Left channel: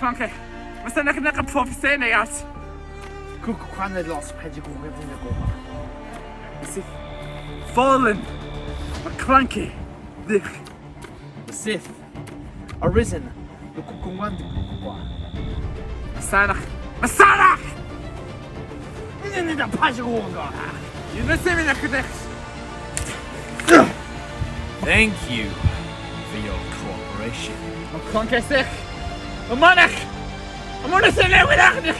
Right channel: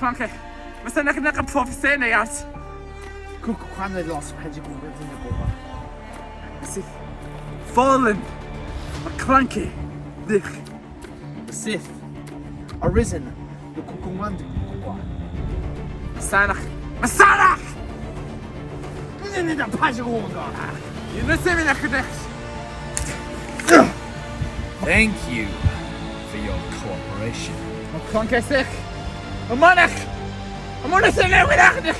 McClunkey. Basta nakaprophecy na yat. Kukukwane lost magic over the Nagoma. Fallen. McClunkey. The Sith. Arisen. The Kukuwan de Kukukwa. Masanach! Isn't it a magic over? You know, see me na Thank you for your cooperation. McClunkey sick. I'm on to say that without it.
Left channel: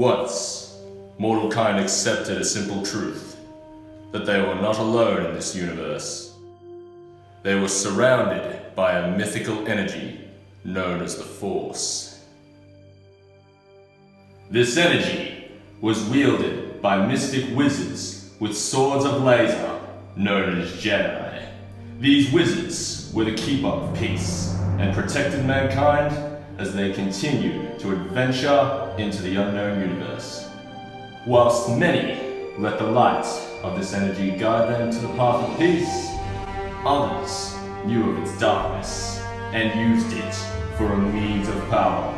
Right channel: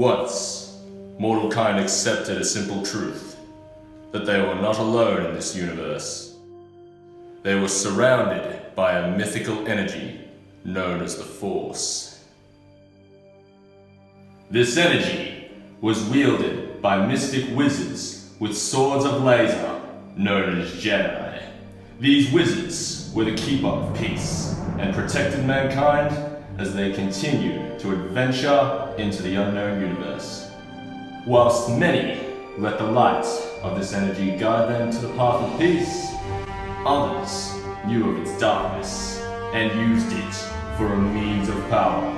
Once, mortal kind accepted a simple truth, that they were not alone in this universe. They were surrounded by a mythical energy known as the Force. This energy was wielded by mystic wizards with swords of laser known as Jedi. These wizards were the keeper of peace and protected mankind as they continued to adventure into the unknown universe. Whilst many let the light of this energy guide them to the path of peace, others knew of its darkness and used it for a means of power.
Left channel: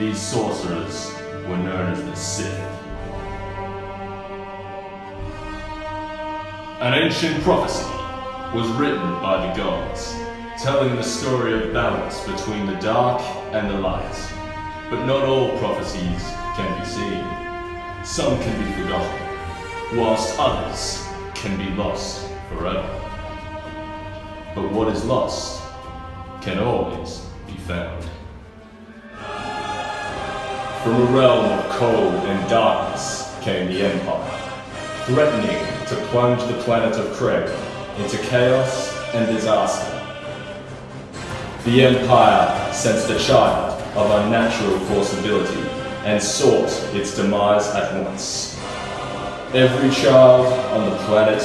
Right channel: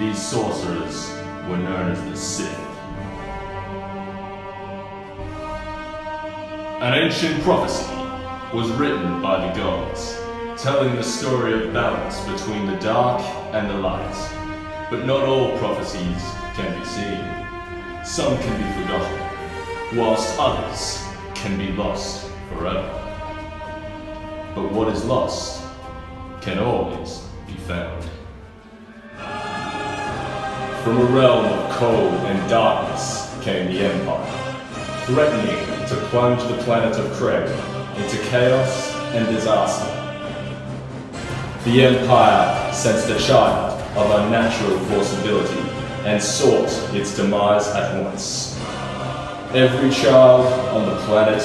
These sorcerers were known as the Sith. An ancient prophecy was written by the gods, telling the story of balance between the dark and the light. But not all prophecies can be seen. Some can be forgotten, whilst others can be lost forever. But what is lost can always be found. From a realm of cold and darkness came the Empire, threatening to plunge the planet of Craig into chaos and disaster. The Empire sensed a child of unnatural forceability and sought its demise at once. Every child on the planet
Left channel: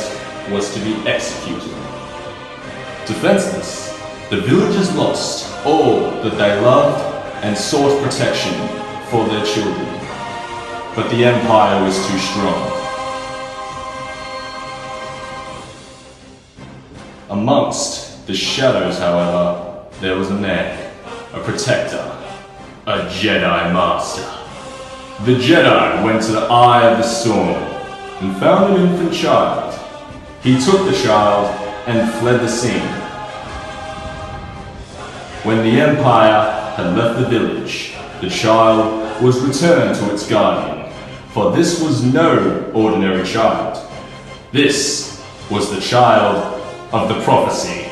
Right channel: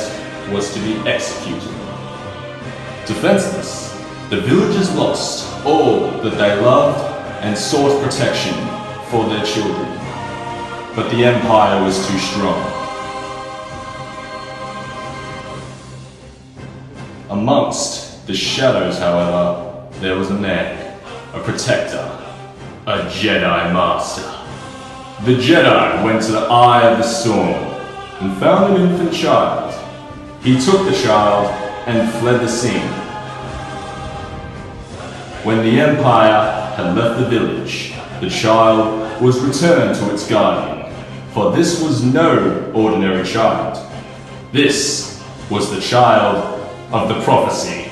was to be executed. Defenseless, the villagers lost all that they loved and sought protection for their children. But the Empire was too strong. Amongst the shadows, however, there was a man, a protector, a Jedi Master. The Jedi went to the Eye of the Storm and found an infant child. He took the child and fled the scene. When the Empire had left the village, the child was returned to its guardian, for this was no ordinary child. This was the child of the prophecy.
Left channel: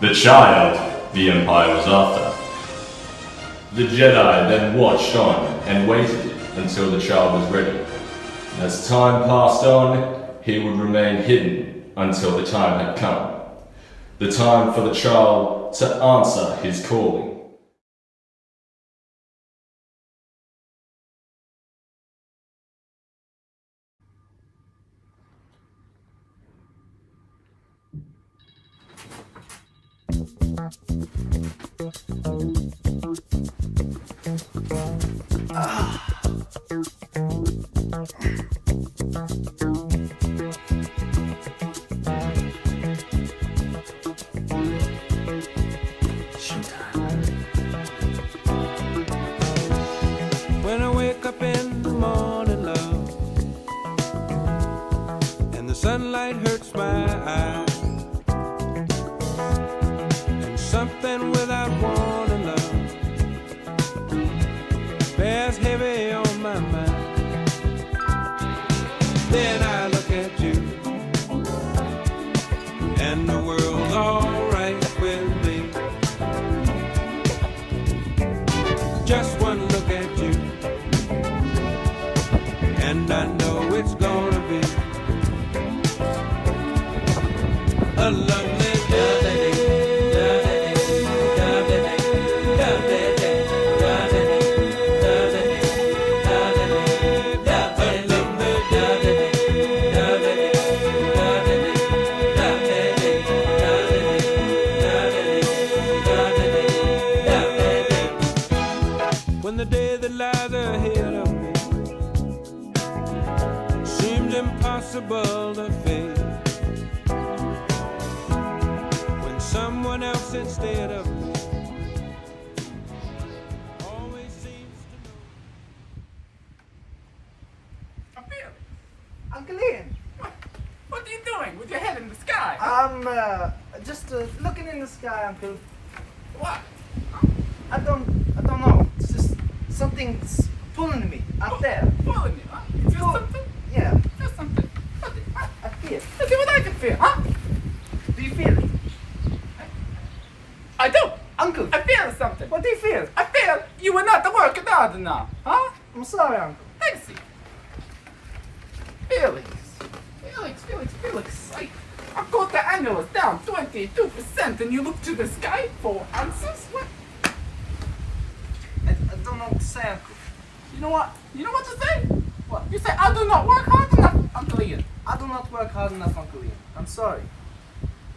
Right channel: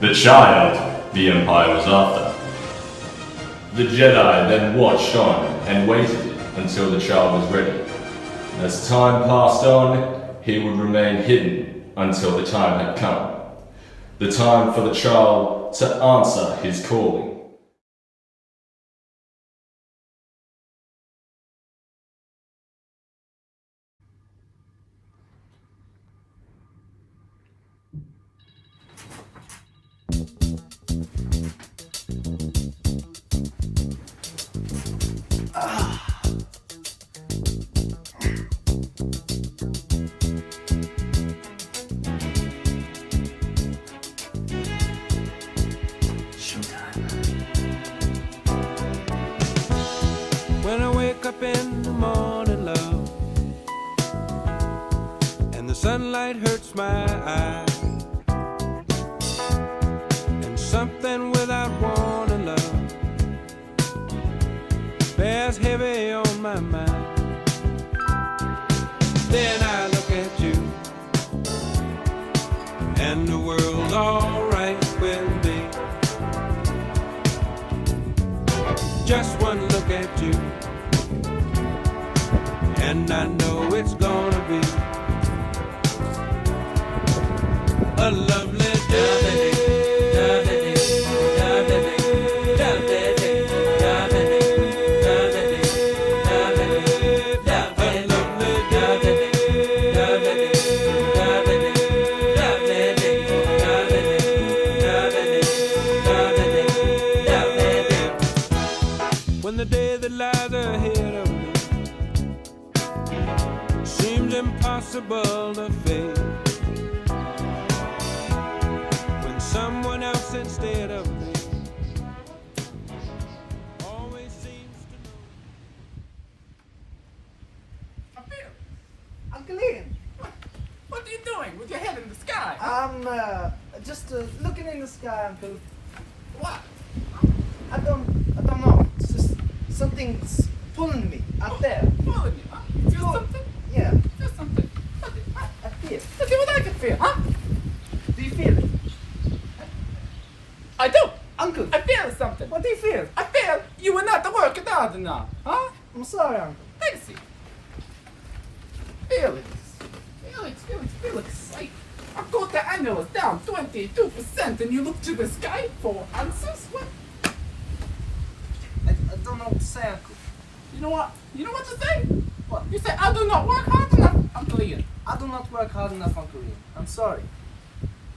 The child the Empire was after. The Jedi then watched on and waited until the child was ready. As time passed on, he would remain hidden until the time had come. The time for the child to answer his calling. When I wake up in the morning, love, and the sunlight hurts my eyes, and something without warning, love, bears heavy on my mind. Then I look at you, and the world's alright with me. Just one look at you, and I know it's gonna be a lovely day. When the day that lies ahead of me seems impossible to face, when someone else instead of me always seems to know. Uncle Ian, What are you doing with your head in the sky? I'm just looking in the sky, Uncle. What? I don't know. It's just something's pulling me out there. Pulling you, huh? You feel something? Yeah, Feel something? What? Huh? I feel. Let's see what I can feel, huh? Do you feel it? I do. Uncle, I feel something. what do you feel? I feel you were not working hard enough, huh? I'm sorry, Uncle. Let's see. Felix. I got the annuals down 22% and you look to the sky for answers? What? I don't know what to say, Uncle. You know what? You know what to say? What? You say, I do not work hard enough, Uncle Ian. I do not work hard enough, Uncle Ian. I'm sorry.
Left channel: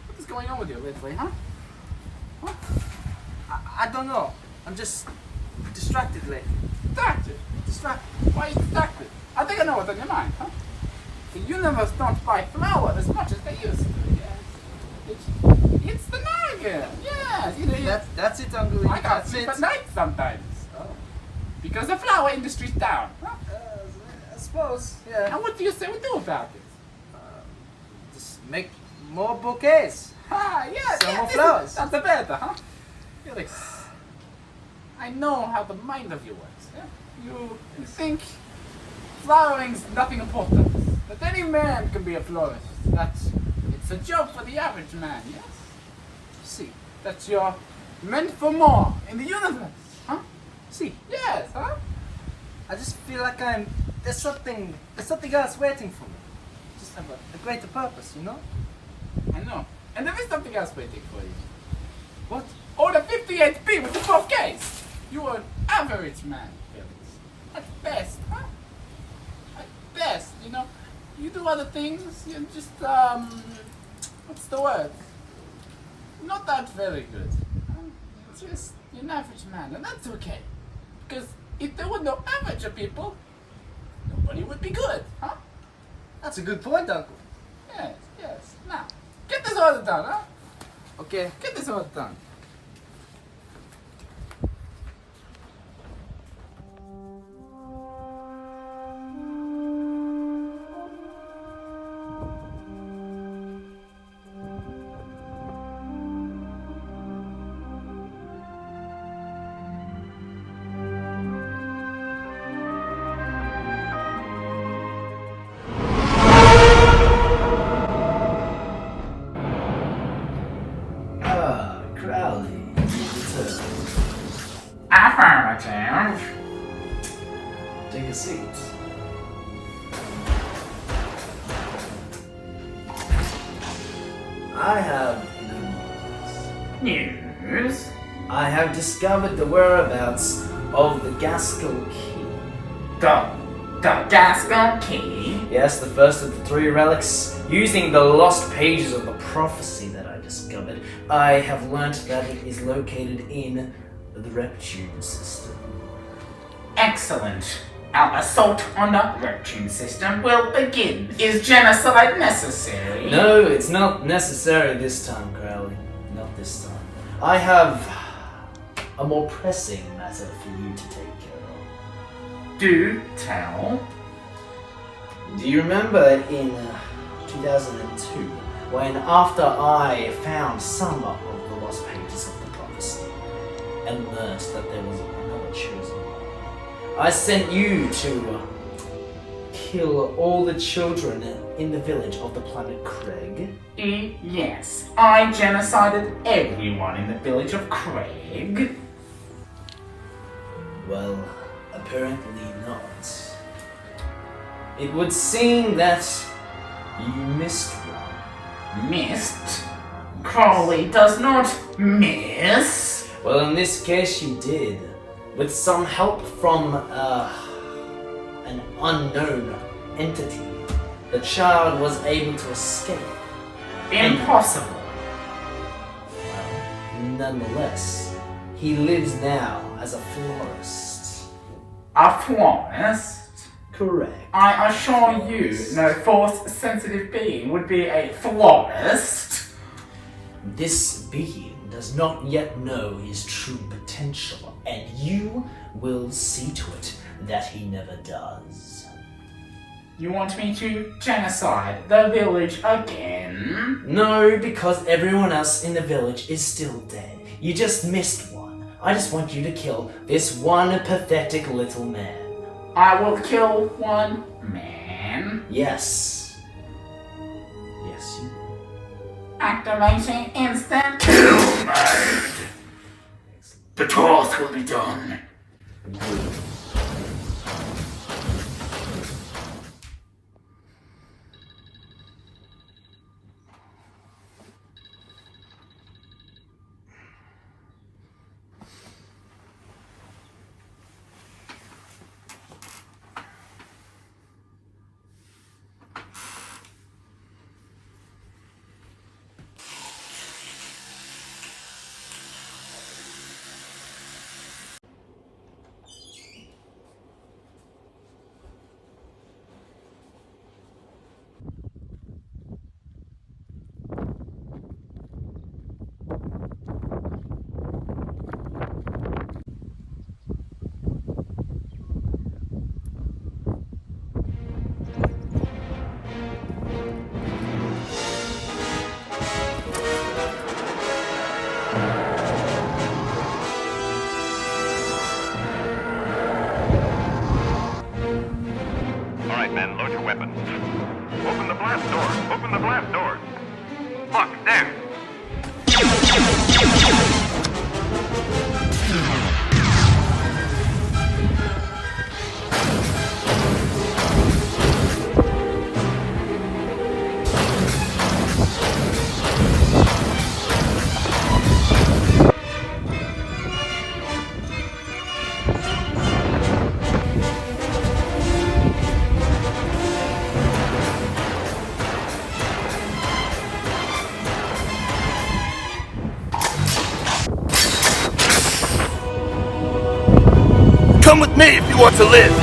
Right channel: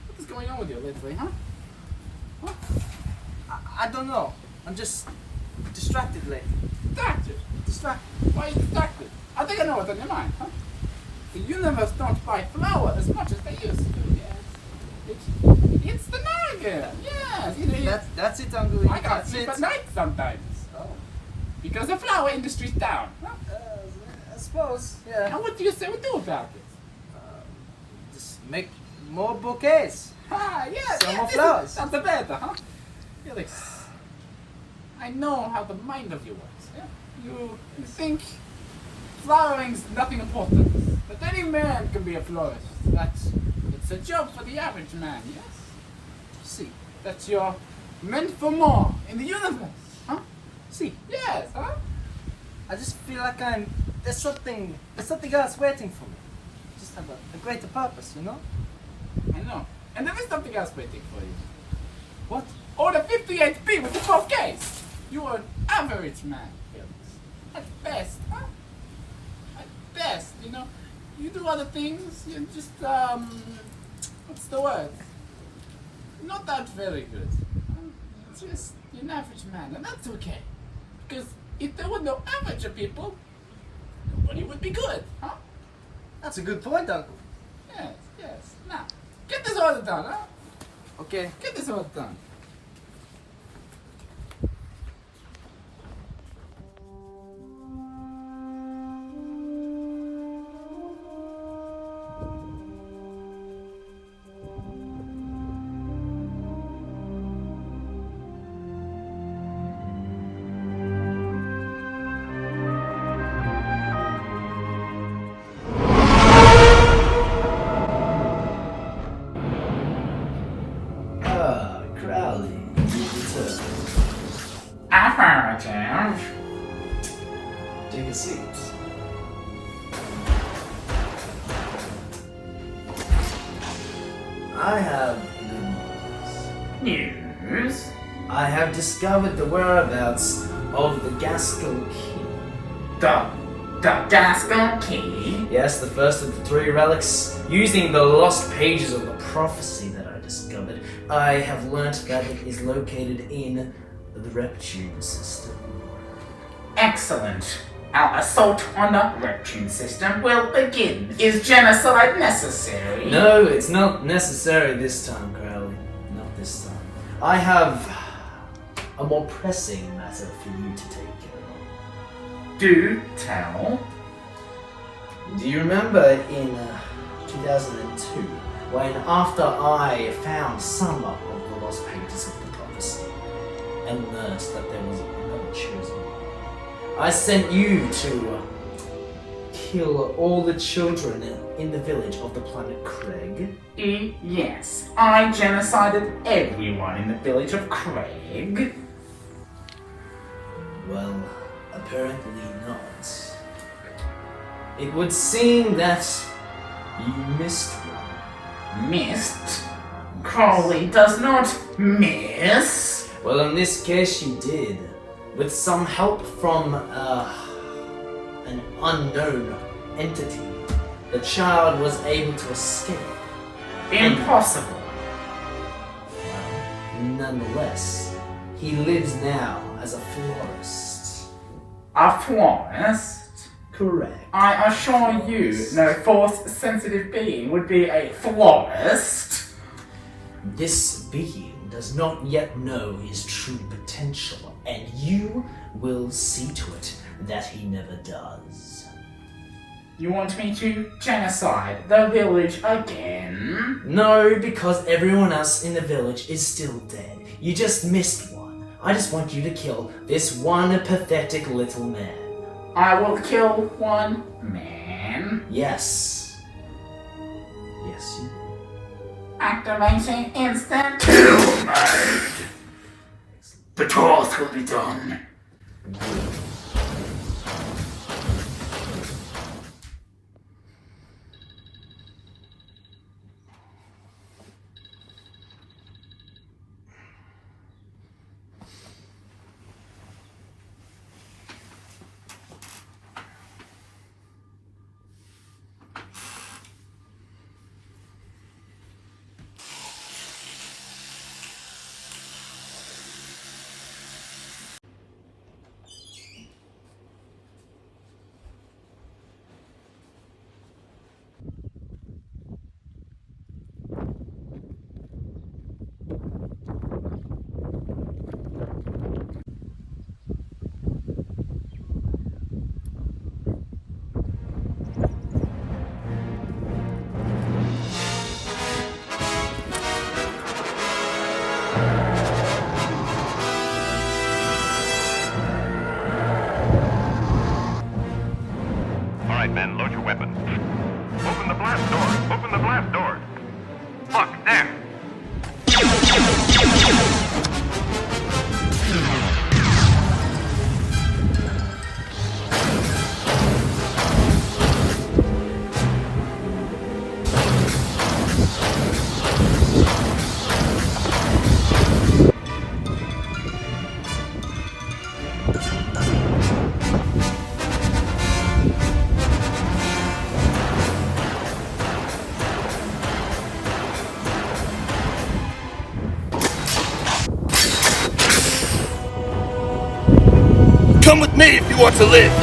What is going on with you lately, huh? I don't know. I'm just distracted lately. Distracted. Distracted. Why are you distracted? I think I know what's on your mind, huh? The universe don't buy flour as much as they used to, yes. It's the Naga, yes. That's it, Uncle Ian. I can't That's sleep it. at night sometimes. Oh. Because the flower industry's down. Huh? I suppose, yeah. And what do you say we do about this? Just make more bouquets. Ah, yeah, Sell yeah, more this flowers. is- That's the better, huh? Felix, I know how the mind of you works. Yeah? You think flowering's nothing important. That any man can be a florist. It's a job for the average man, yes? See, That you're meant for more in the universe, huh? see. Yes, huh? I just feel like there's something else waiting for me. Just have a greater purpose, you know? I know. And there is something else waiting for you. What? Oh, the 58p with the 12Ks. You are an average man, Felix. At best, huh? At best, you know. You do other things, you're just, what's the word? Not that very good. It's just, you're an average man, and that's okay. Because if there were no average people, nobody would be good, huh? That's a good point, Uncle. Yes, yes. Now, get this order done, huh? Okay. Get this order done. Crowley. Affirmative. Take a seat. I have News? I have discovered the whereabouts of the Gaskell Key. The Gaskell Key? Yes, the first of the 3 relics. Using the lost pages of the prophecy that I discovered, I have learnt that it is located in the Reptune system. Excellent. Our assault on the Reptune system will begin. Is genocide necessary? No, it's not necessary this time, Crowley. Not this time. I have a more pressing matter for you to take care of. Do tell. Do you remember in 2002, when after I found some of the lost pages of the prophecy and learned that there was another chosen one, I sent you to kill all the children in the village of the planet Craig? Yes, I genocided everyone in the village of Craig. Well, apparently not. It would seem that you missed one. Missed? Crowley does not miss. Well, in this case you did. With some help from an unknown entity, the child was able to escape. Impossible. Nonetheless, he lives now as a florist. A florist? Correct. I assure you, no force-sensitive being would be a florist. This being does not yet know his true potential, and you will see to it that he never does. You want me to genocide the village again? No, because everyone else in the village is still dead. You just missed one. I just want you to kill this one pathetic little man. I will kill one man. Yes. Yes, you. Activating instant kill mode. The task will be done. All right, men, load your weapons. Open the blast doors. Open the blast doors. Look, there. Come with me if you want to live.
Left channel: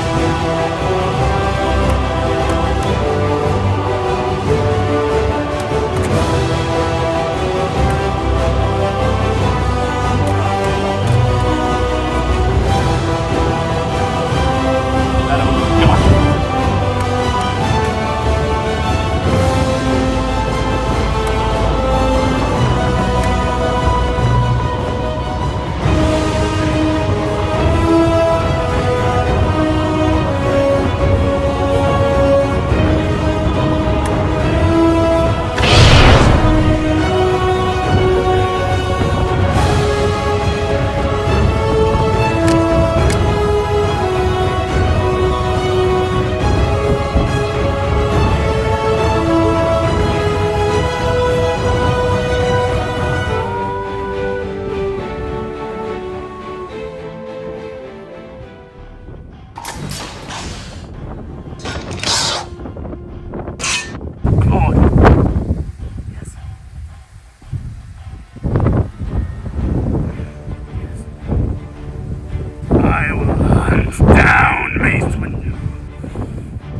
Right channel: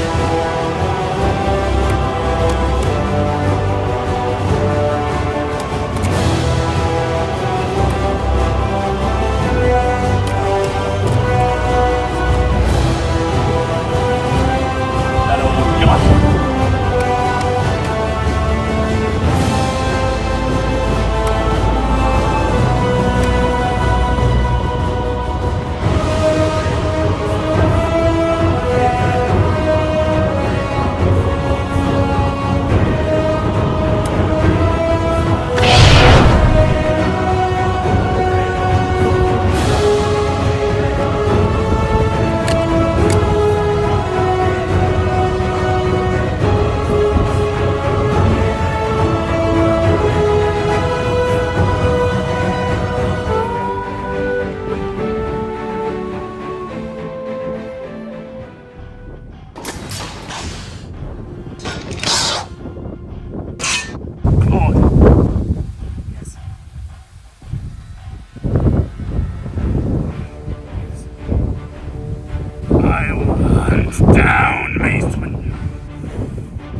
I will hunt down Mace Windu.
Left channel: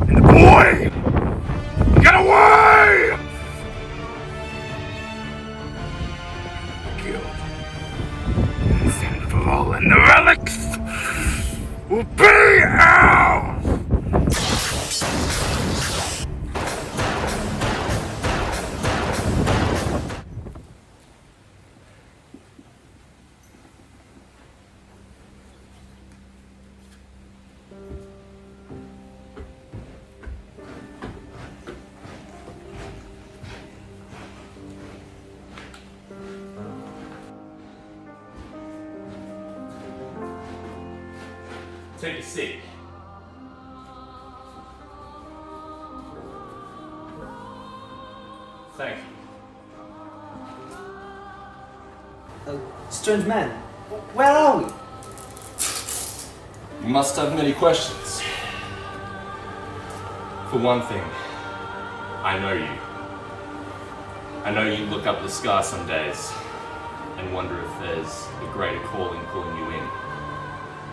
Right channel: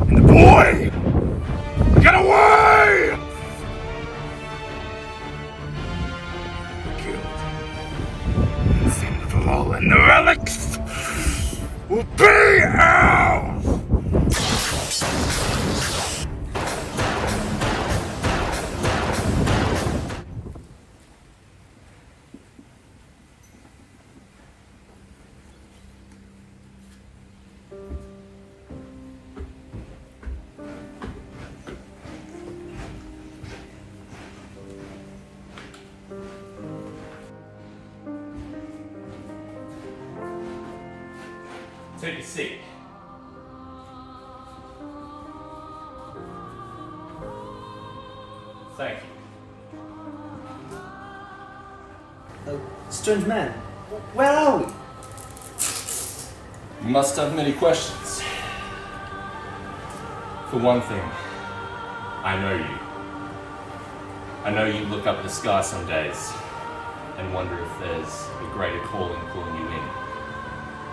And the boy, get away! Killed. Sinful and the relics will be ours! Take a seat. Thank you. Strange man, where are we? You must have many questions. For one thing, I know you. I know you look up the sky some days and wonder if there's a greater calling pulling you in.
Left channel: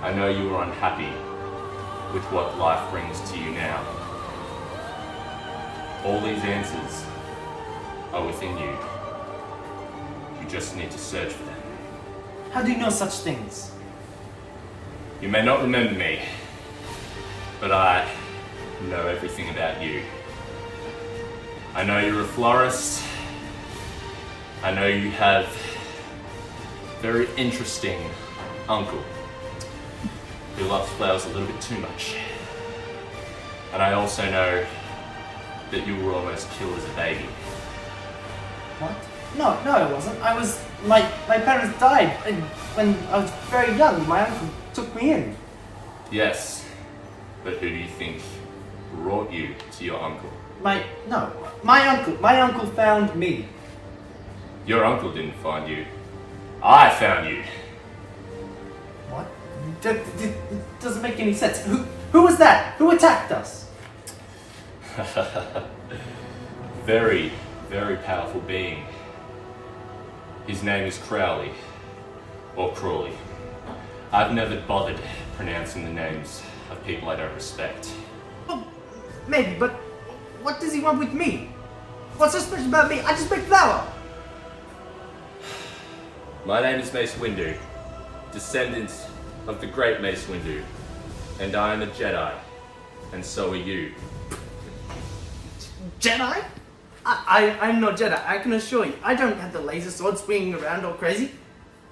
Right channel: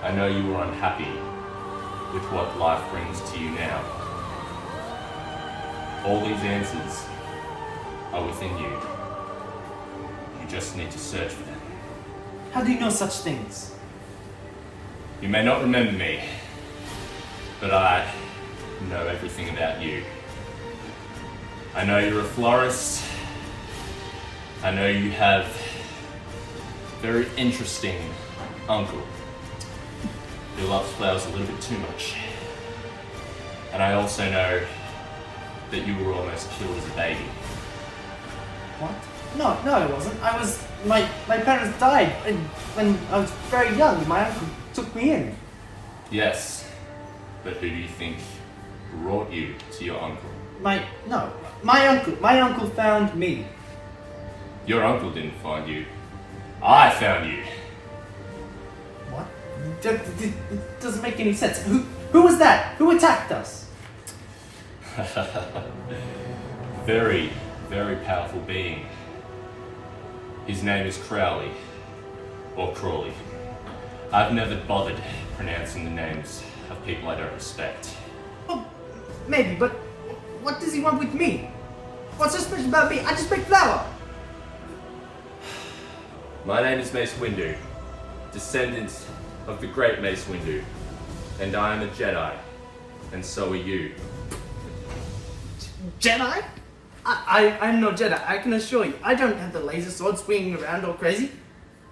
I know you are unhappy with what life brings to you now. All these answers are within you. You just need to search for them. How do you know such things? You may not remember me, but I know everything about you. I know you're a florist. I know you have a very interesting uncle who loves flowers a little bit too much. And I also know that you were almost killed as a baby. What? No, I wasn't. My parents died when I was very young. My uncle took me in. Yes, but who do you think brought you to your uncle? My uncle found me. Your uncle didn't find you. I found you. What? It doesn't make any sense. Who was that? Who attacked us? Very, very powerful being. His name is Crowley, or Crawley. I've never bothered pronouncing the names of people I don't respect. Well, maybe, but what does he want with me? What's so special about me? I just make flour. My name is Mace Windu, descendant of the great Mace Windu, and I am a Jedi, and so are you. Jedi? I'm no Jedi, I can assure you. I don't have the laser sword swinging around all crazy.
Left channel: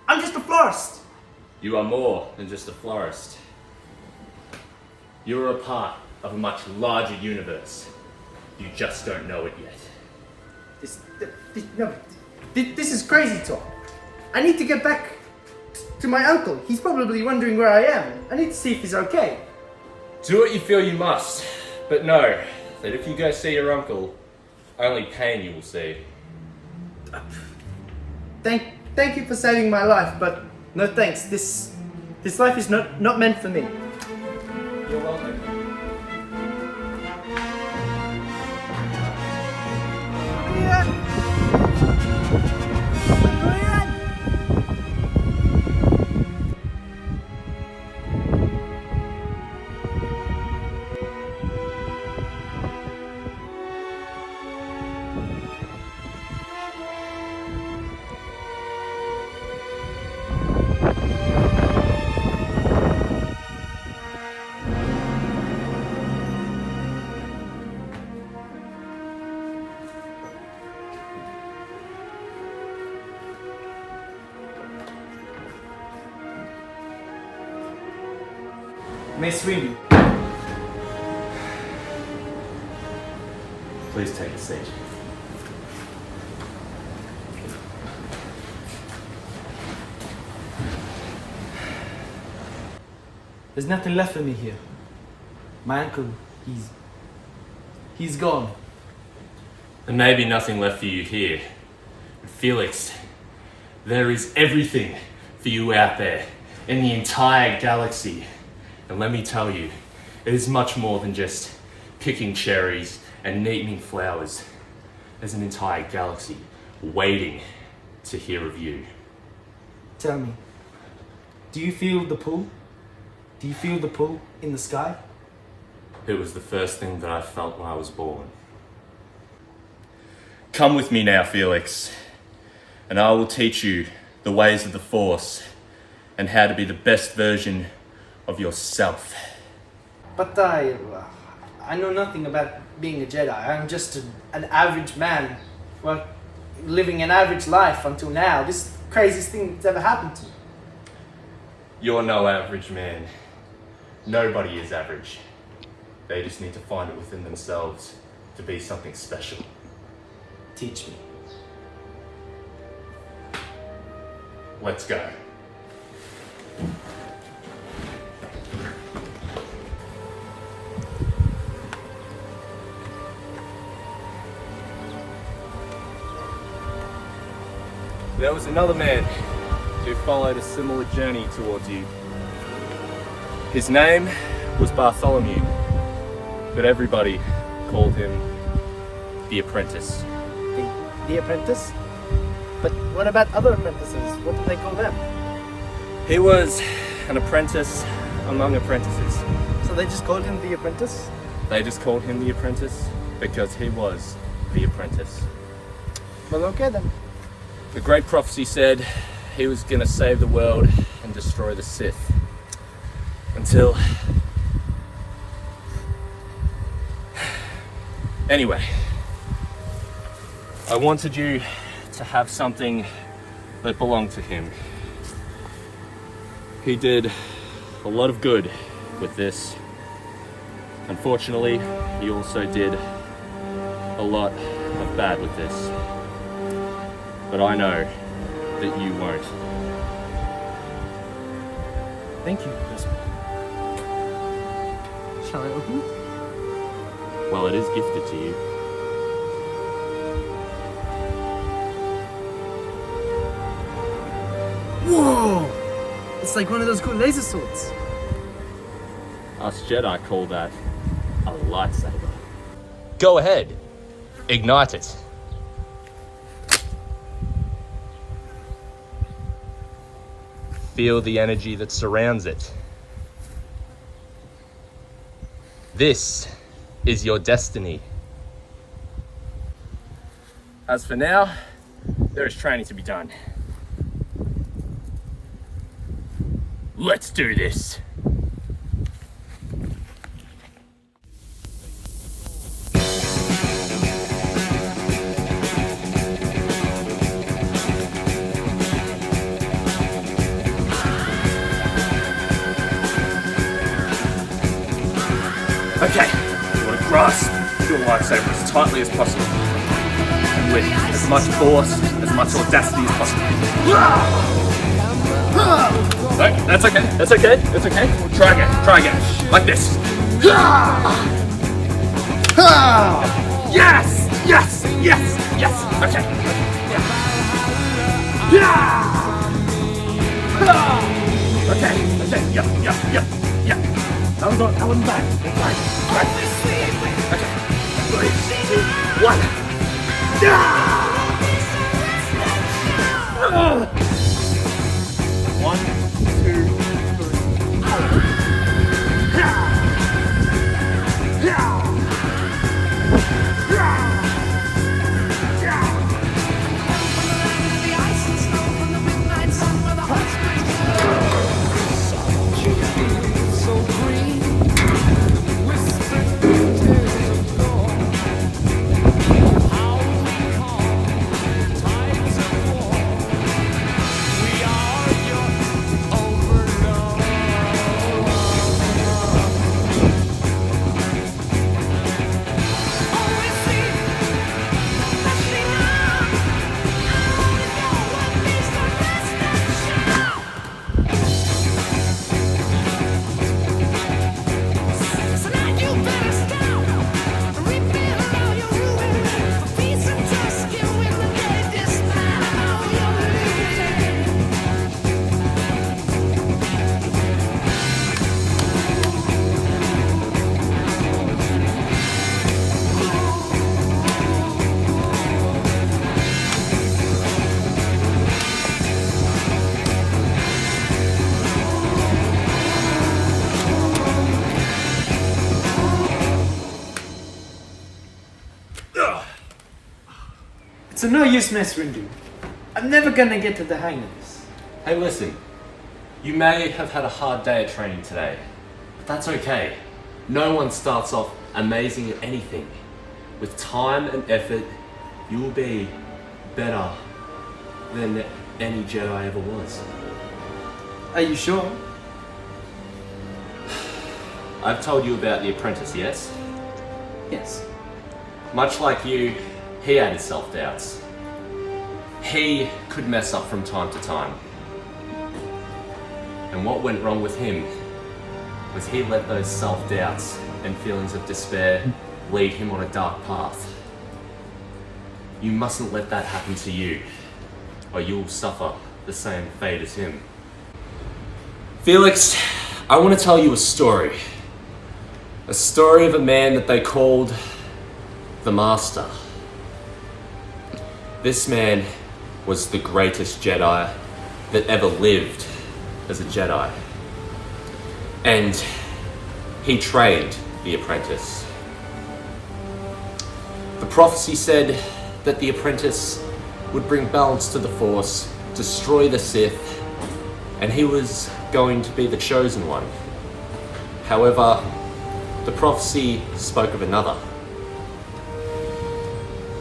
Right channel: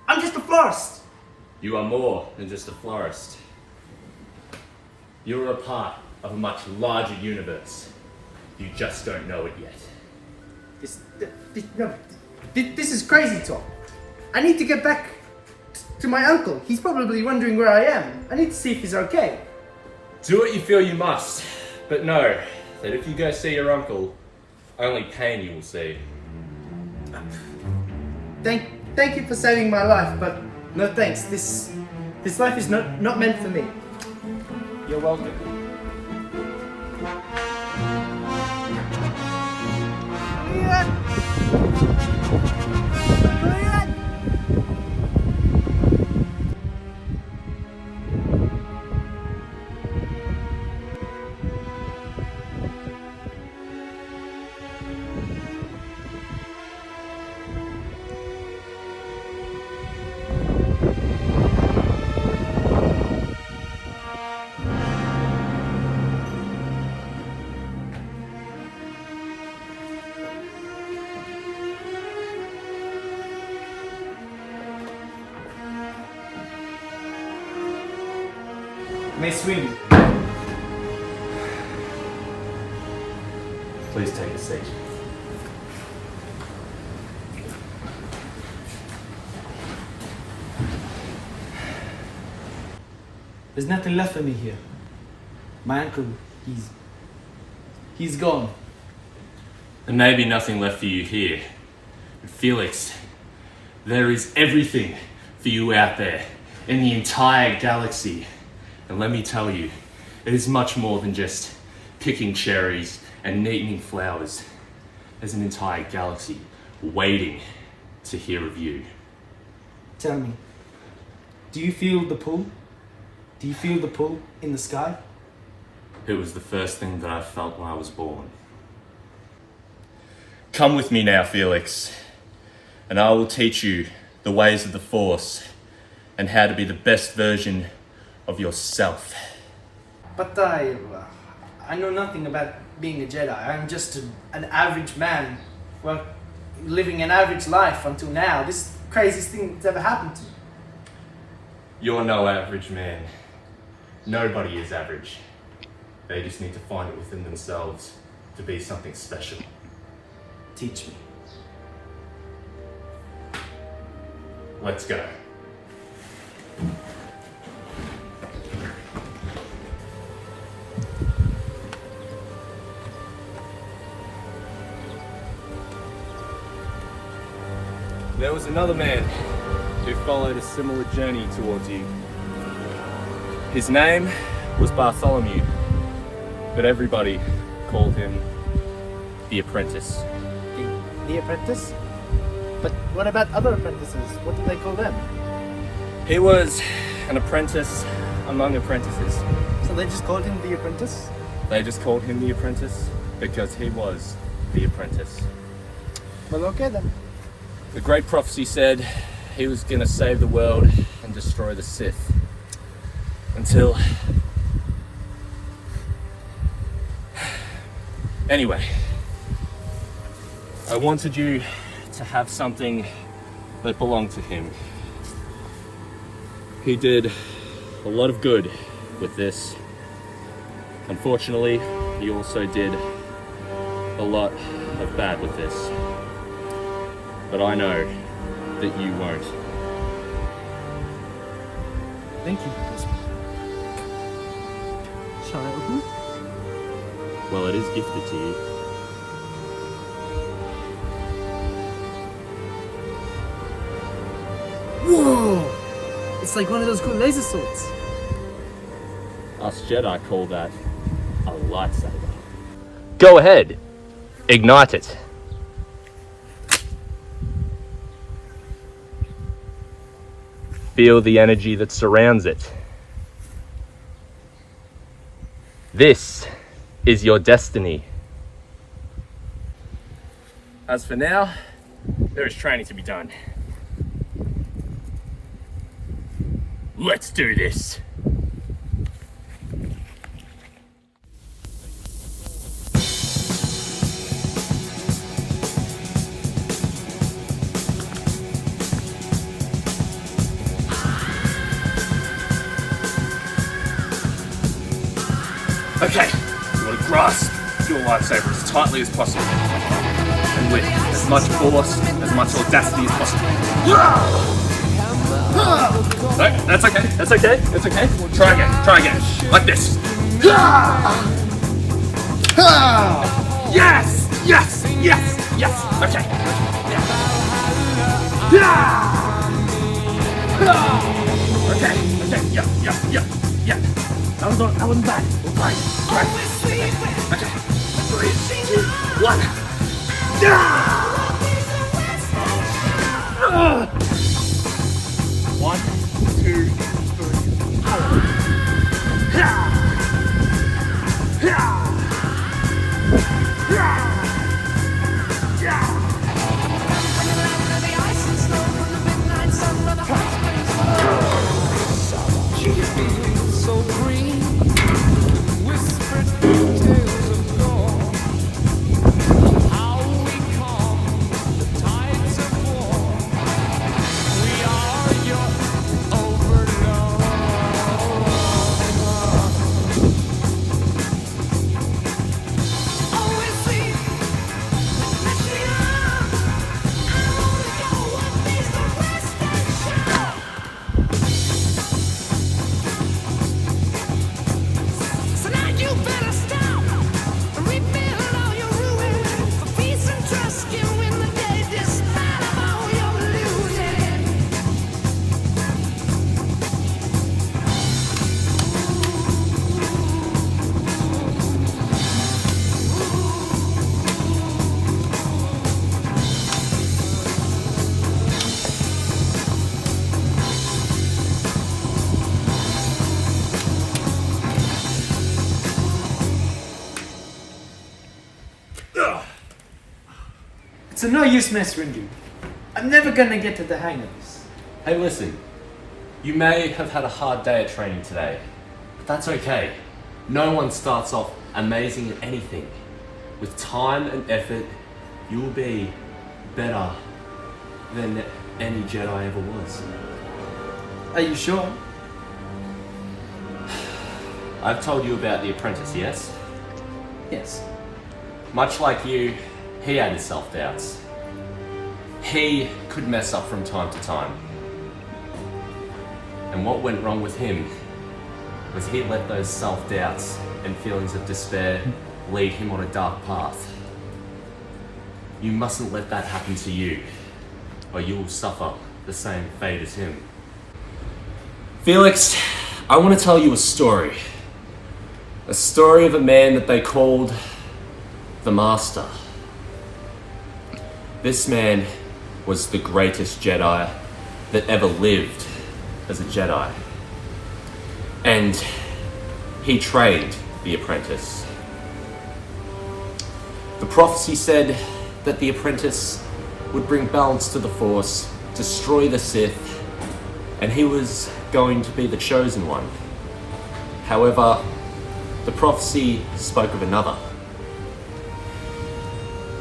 I'm just a florist. You are more than just a florist. You are a part of a much larger universe. You just don't know it yet. This is crazy talk. I need to get back to my uncle. He's probably wondering where I am. I need to see if he's okay. Do what you feel you must, but know that if you go see your uncle, only pain you will see. Thank you for saving my life, but no thanks. This life is not meant for me. You're welcome. Mace Windu. Please take a seat. There's nothing left for me here. My uncle, he's gone. There may be nothing left for you here, but Felix, there is everything for you out there in the entire galaxy. And let me tell you, it is much more than just picking cherries and neatening flowers. There's an entire galaxy waiting to hear of you. Tell me, do you feel the pull? Do you feel the pull in the sky? It was the first thing that I felt when I was born. Come with me now, Felix, and I will teach you the ways of the Force and how to be the best version of yourself. But I know nothing about being a Jedi. I'm just an average man, well, living an average life until now. This is the craziest thing that's ever happened to me. You're no average man. Nobody is average. They just need to find it within themselves to be something special. Teach me. Let's go. There was another man who followed a similar journey towards you. His name was Bartholomew, but everybody called him the Apprentice. The apprentice? But what about other apprentices? What do they call them? He was an apprentice among apprentices. So they just called him the apprentice? They just called him the Apprentice because he was the apprentice. Well, okay then. The great prophecy said he was going to save the world and destroy the Sith. Until... Anyway, I wanted you to have something that belonged to him. He did a lot of good with this. Unfortunately, he also did a lot of bad with this. But I know that you won't. Thank you, Chris. Shall I open it? Well, it is gifted to you. Whoa! It's like one of those cool laser swords. Us Jedi call that a lightsaber. Go ahead, ignite it. Feel the energy that surrounds it. This is your destiny. As for now, there is training to be done. Let's do this. Okay, you want to grasp your lightsaber as tightly as possible, and with as much force, as much audacity as possible. No, that's okay, that's okay, that's okay. Try again, like this. Yes, yes, yes, yes, okay. Okay, yeah. That wasn't bad. It's fine. Right. Okay. 3, 2, 1. One, two, three, four. So green, whispered tales of gold. How we calm the tides of war. We are your It's no use, Mace Windu. I'm never gonna get to the hang of this. Hey, listen. You may have had a hard day at training today, but that's okay. No one starts off amazing at anything. With time and effort, you will be better than any Jedi ever was. Are you sure? I've told you about the apprentice, yes? Yes. Much like you, he had his self-doubts. He could mess up from time to time. And what went wrong with him was he let those self-doubts and feelings of despair lead him on a dark path. You mustn't let that happen to you, or you will suffer the same fate as him. Felix, I want to tell you a story. A story of a man that they called the Master. This man was the greatest Jedi that ever lived as a Jedi. And he trained the apprentice. The prophecy said that the apprentice would bring balance to the Force, destroy the Sith, and he was going to be the chosen one. However, the prophecy spoke of another.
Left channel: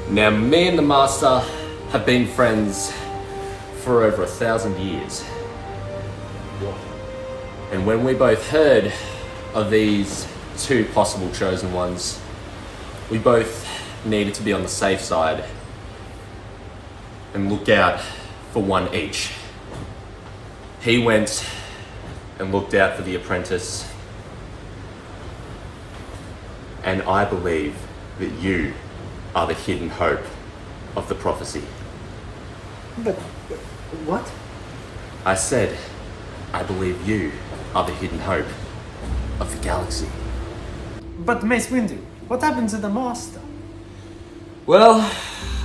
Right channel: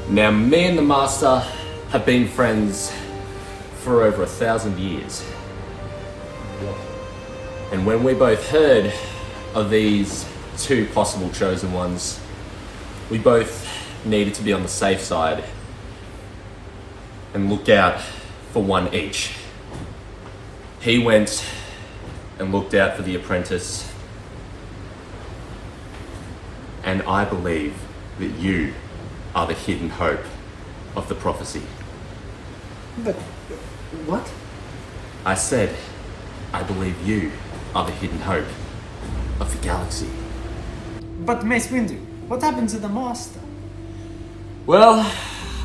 Now, me and the Master have been friends for over 1,000 years. And when we both heard of these two possible chosen ones, we both needed to be on the safe side and look out for one each. He went and looked out for the apprentice, and I believe that you are the hidden hope of the prophecy. But what? I said, I believe you are the hidden hope of the galaxy. But Mace Windu, what happened to the Master? Well,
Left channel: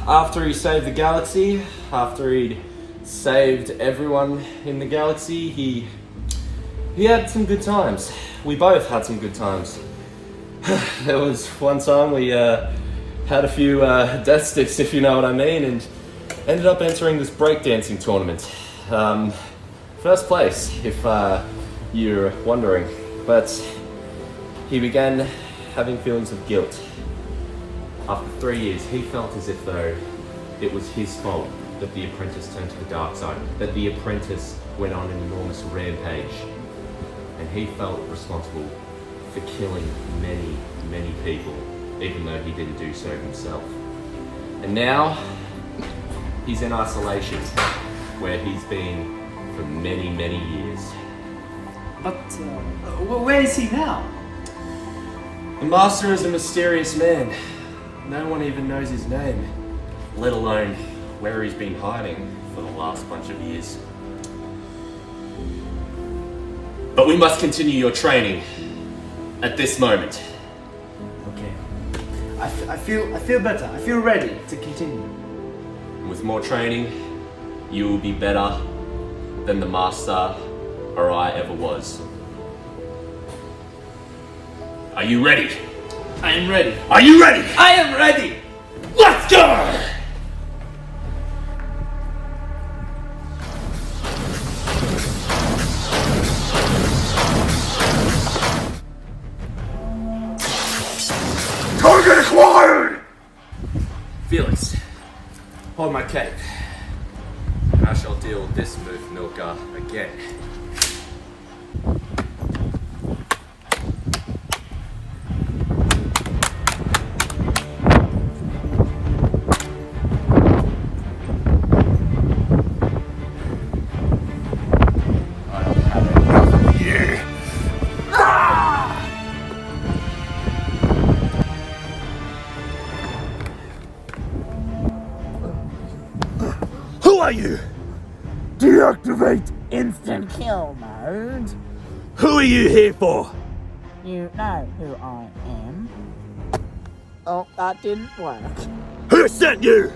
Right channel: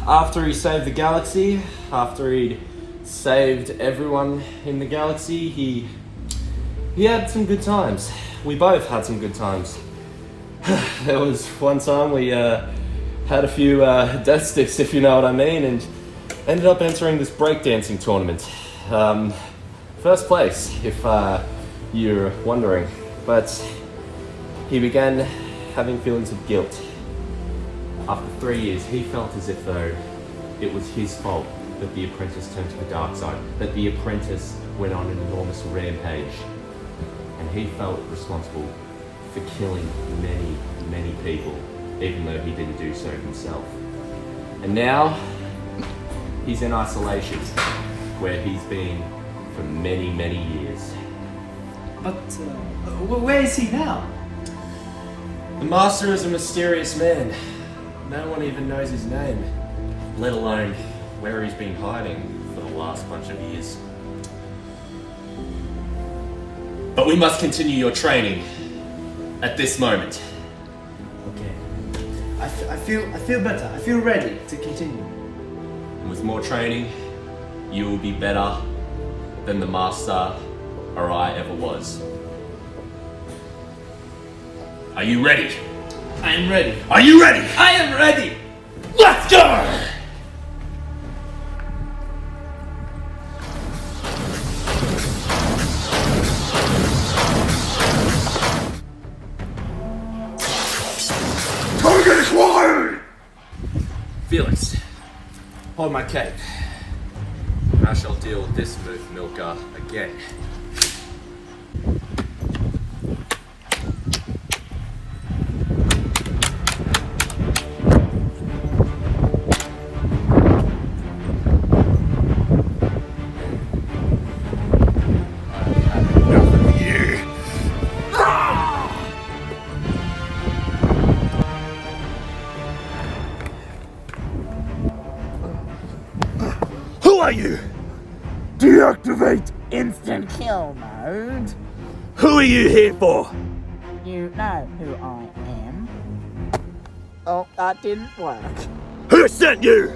after he saved the galaxy, after he'd saved everyone in the galaxy, he had some good times. We both had some good times. There was one time we had a few death sticks, if you know what I mean, and ended up entering this breakdancing tournament. First place, if you're wondering. But he began having feelings of guilt. After 3 years, he felt as if though it was his fault that the apprentice turned to the dark side, that the apprentice went on an enormous rampage, and he felt responsible for killing many, many people, even though he didn't do so himself. And now, he's in isolation, where he's been for many, many years. But where is he now? The Master is a mysterious man. No one even knows his name, let alone where he's been hiding for the last bunch of years. But we must continue your training at this moment. Okay. I feel better. I feel ready to continue. And with more training, you will be better than the Master or I ever was. Are you ready? I am ready. Are you ready? I am ready! Let's go! Target acquired! Felix, hold my cape. I shall deal with this smooth milker again. Who are you? Deactivate! Instant kill mode. Who are you here for? You know who I am. Oh, that didn't work. Who sent you?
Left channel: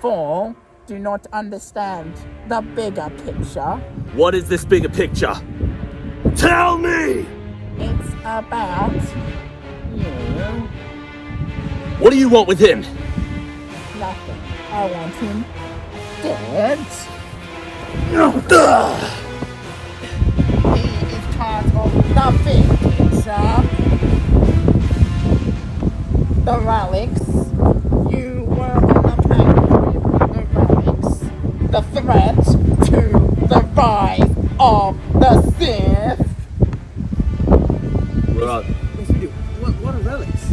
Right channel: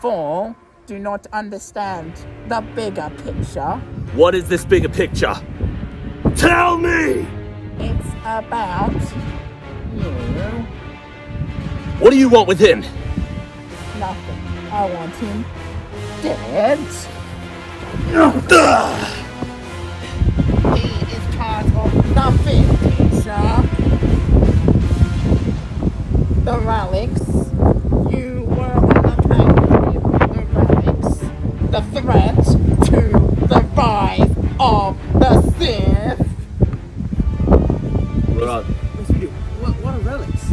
Four, do not understand the bigger picture. What is this bigger picture? Tell me! It's about you. What do you want with him? Nothing. I want him dead. He is part of nothing, teacher. The relics. You were entertained with the relics. The threat to the rise of the Sith. What are relics?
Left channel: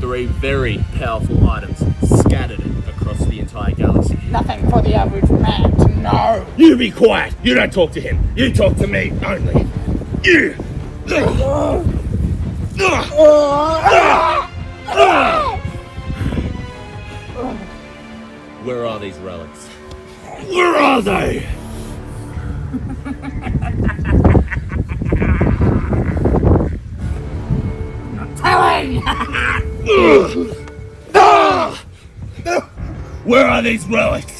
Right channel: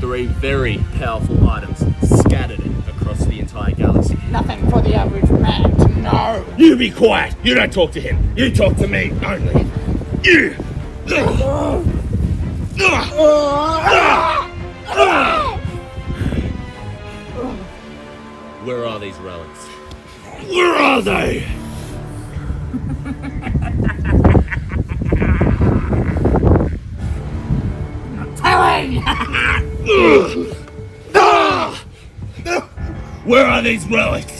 3 very powerful items scattered across the entire galaxy. Nothing for the average man to know. You be quiet! You don't talk to him! You talk to me only! You! Where are these relics? Where are they? Where are these relics?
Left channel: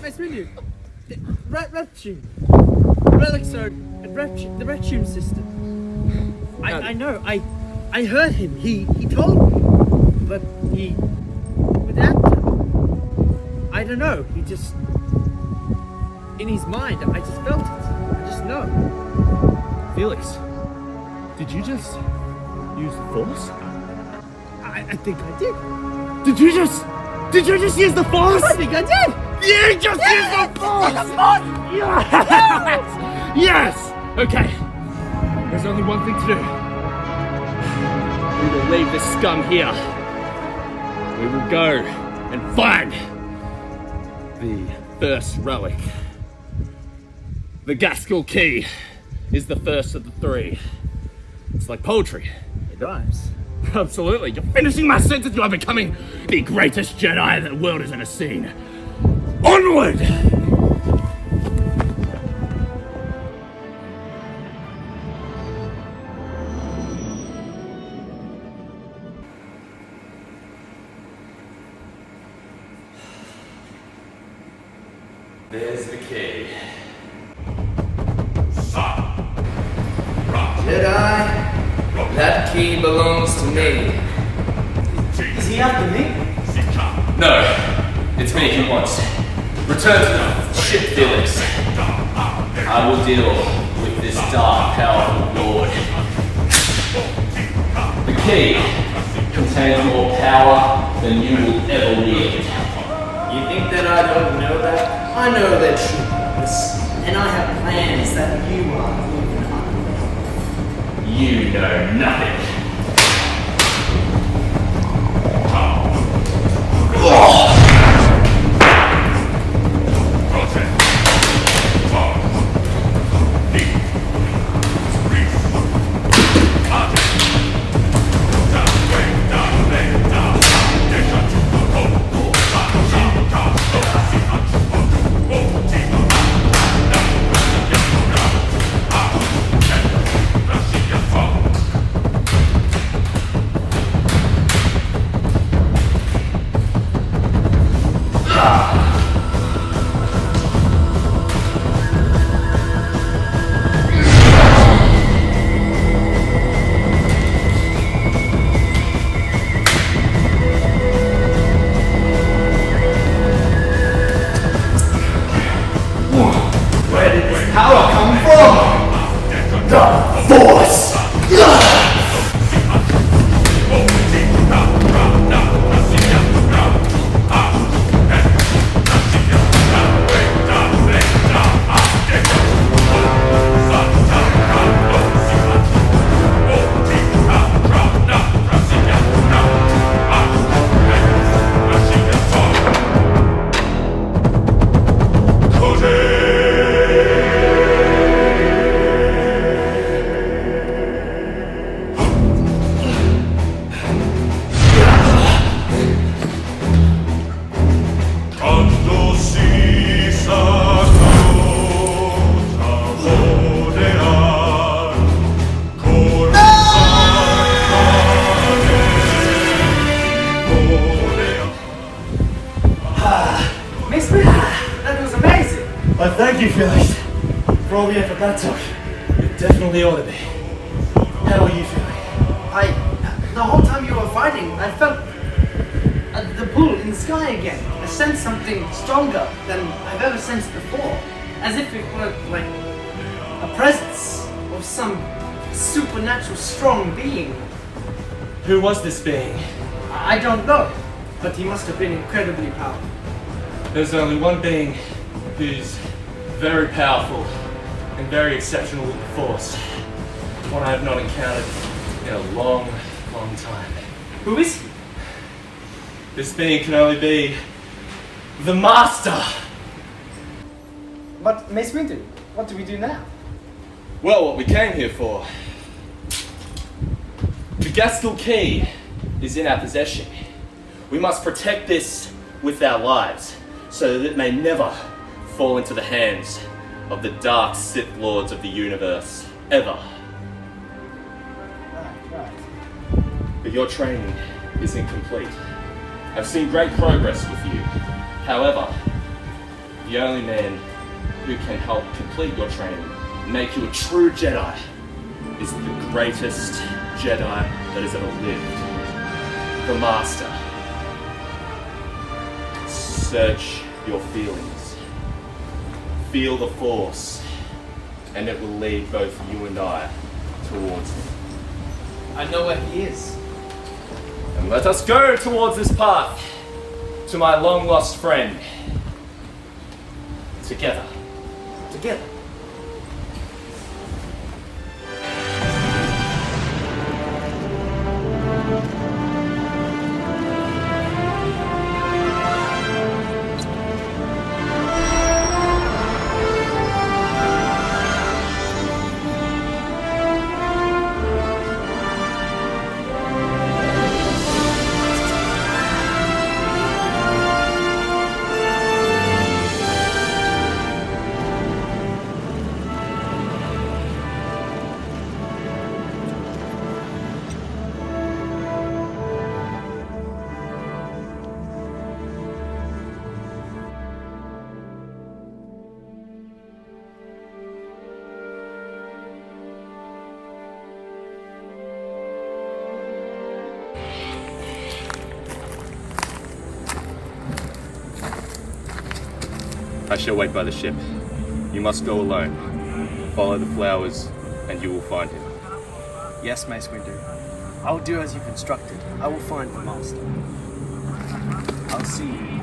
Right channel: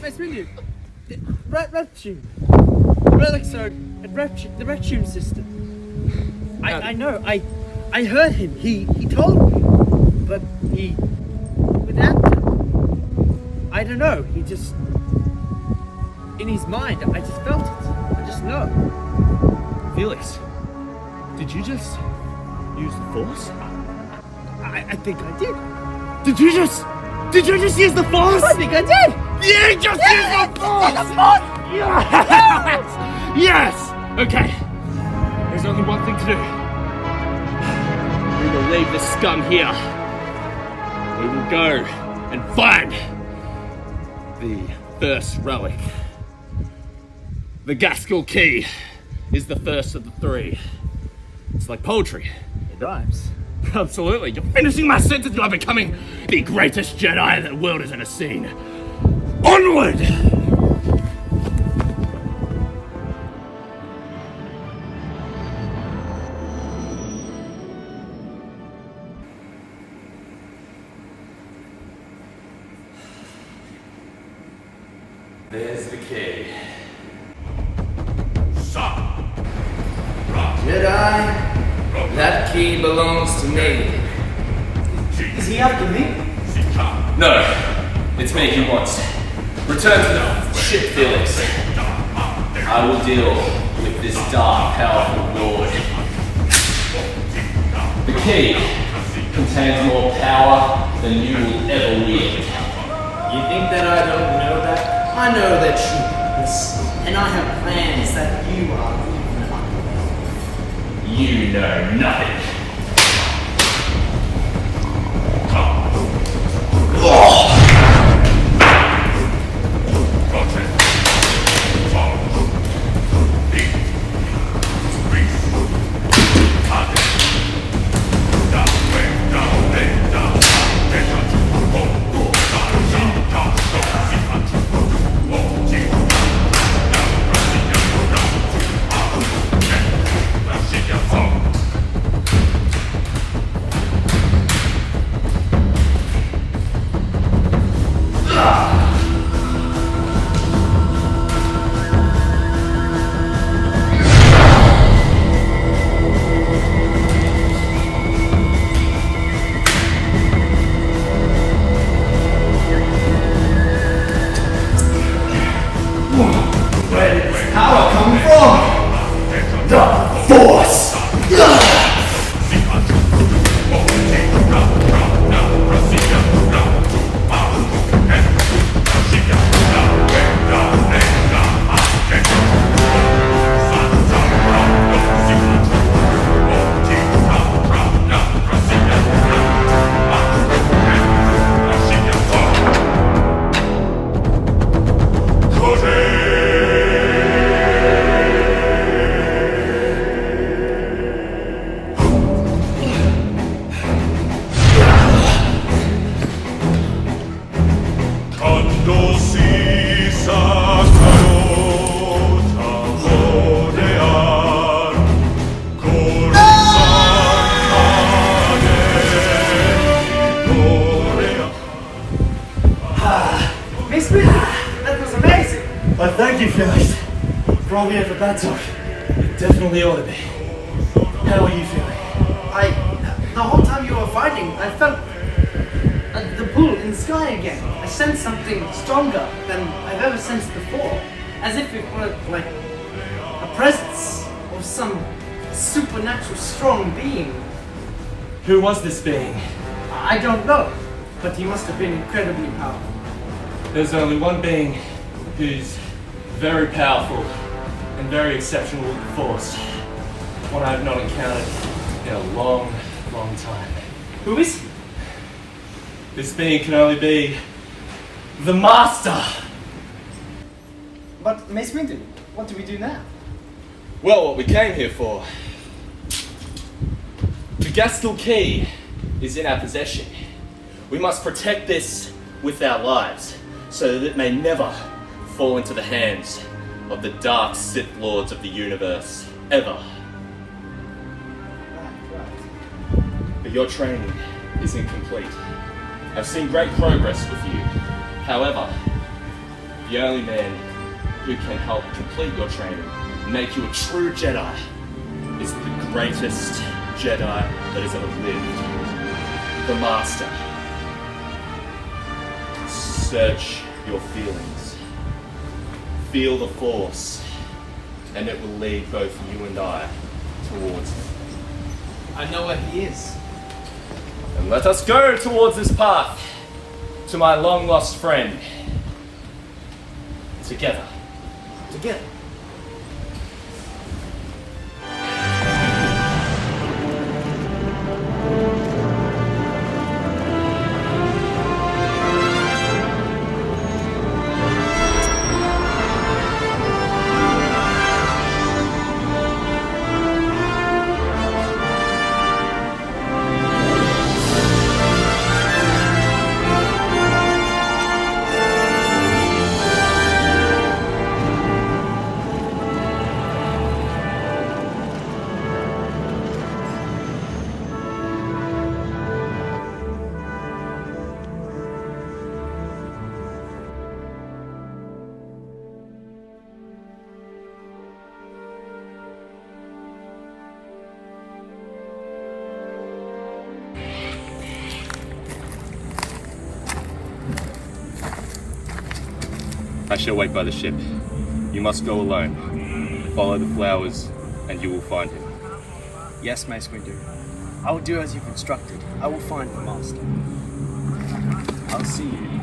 Mace Windu. Reptune. Relics are the Reptune system. I know. I heard him. He told me, but he without them. I don't know. He just in his mind. I just felt it. I just know. Felix, did you just use the Force? I think I did. Did you just use the Force? I think I did. You just used the Force! Yes! Yes! Okay. There's only one thing to do. We will leave this scum here. We will go and find the first relic. The Gaskell Key is the first of the 3. It's like poetry. It rhymes. Absolutely. You're finishing my sentence. You are becoming the greatest Jedi the world has ever seen. Onward! There's the key. Jedi, that key belongs to me. Is he after me? No, it's me he wants. Return to the ship, Felix. I will deal with this dark, powerful lord. The key contains more power than you will ever wield. You think that I don't know that? I know their true purpose, and I have plans that you are even unaware of. You know nothing. Where did this power come from? The Force! Miss Windu, that was amazing. Well, thank you, Felix. Wrong here for that talk. It definitely ought to be. How are you feeling? The whole time you were fighting, I felt the pull in the sky again. I sensed something stronger than I've ever sensed before. As if it were like a presence of some supernatural strong being. Who was this being? I don't know, but he must have been incredibly powerful. There's only one being who's very powerful and very exceptional with the Force. One I have not encountered in a long, long time. Who is he? This being can only be the Master! But Mace Windu, what do we do now? Well, what we came here for. The Gastel Key is in our possession. We must protect this with our lives, so that it may never fall into the hands of the dark Sith Lords of the universe, ever. Right. But your training is incomplete. I've seen great progress with you. However, the only man who can help complete your training and make you a true Jedi is the greatest Jedi that has ever lived. The Master. Search your feelings. Feel the Force, and it will lead both you and I towards him. I know where he is. And let us go towards this path to my long-lost friend. Together. Together. I shall wait by the ship. You must go alone. Follow the flowers, and you will find him. Yes, Mace Windu. I will do as you've instructed. I will find the Master. I'll see you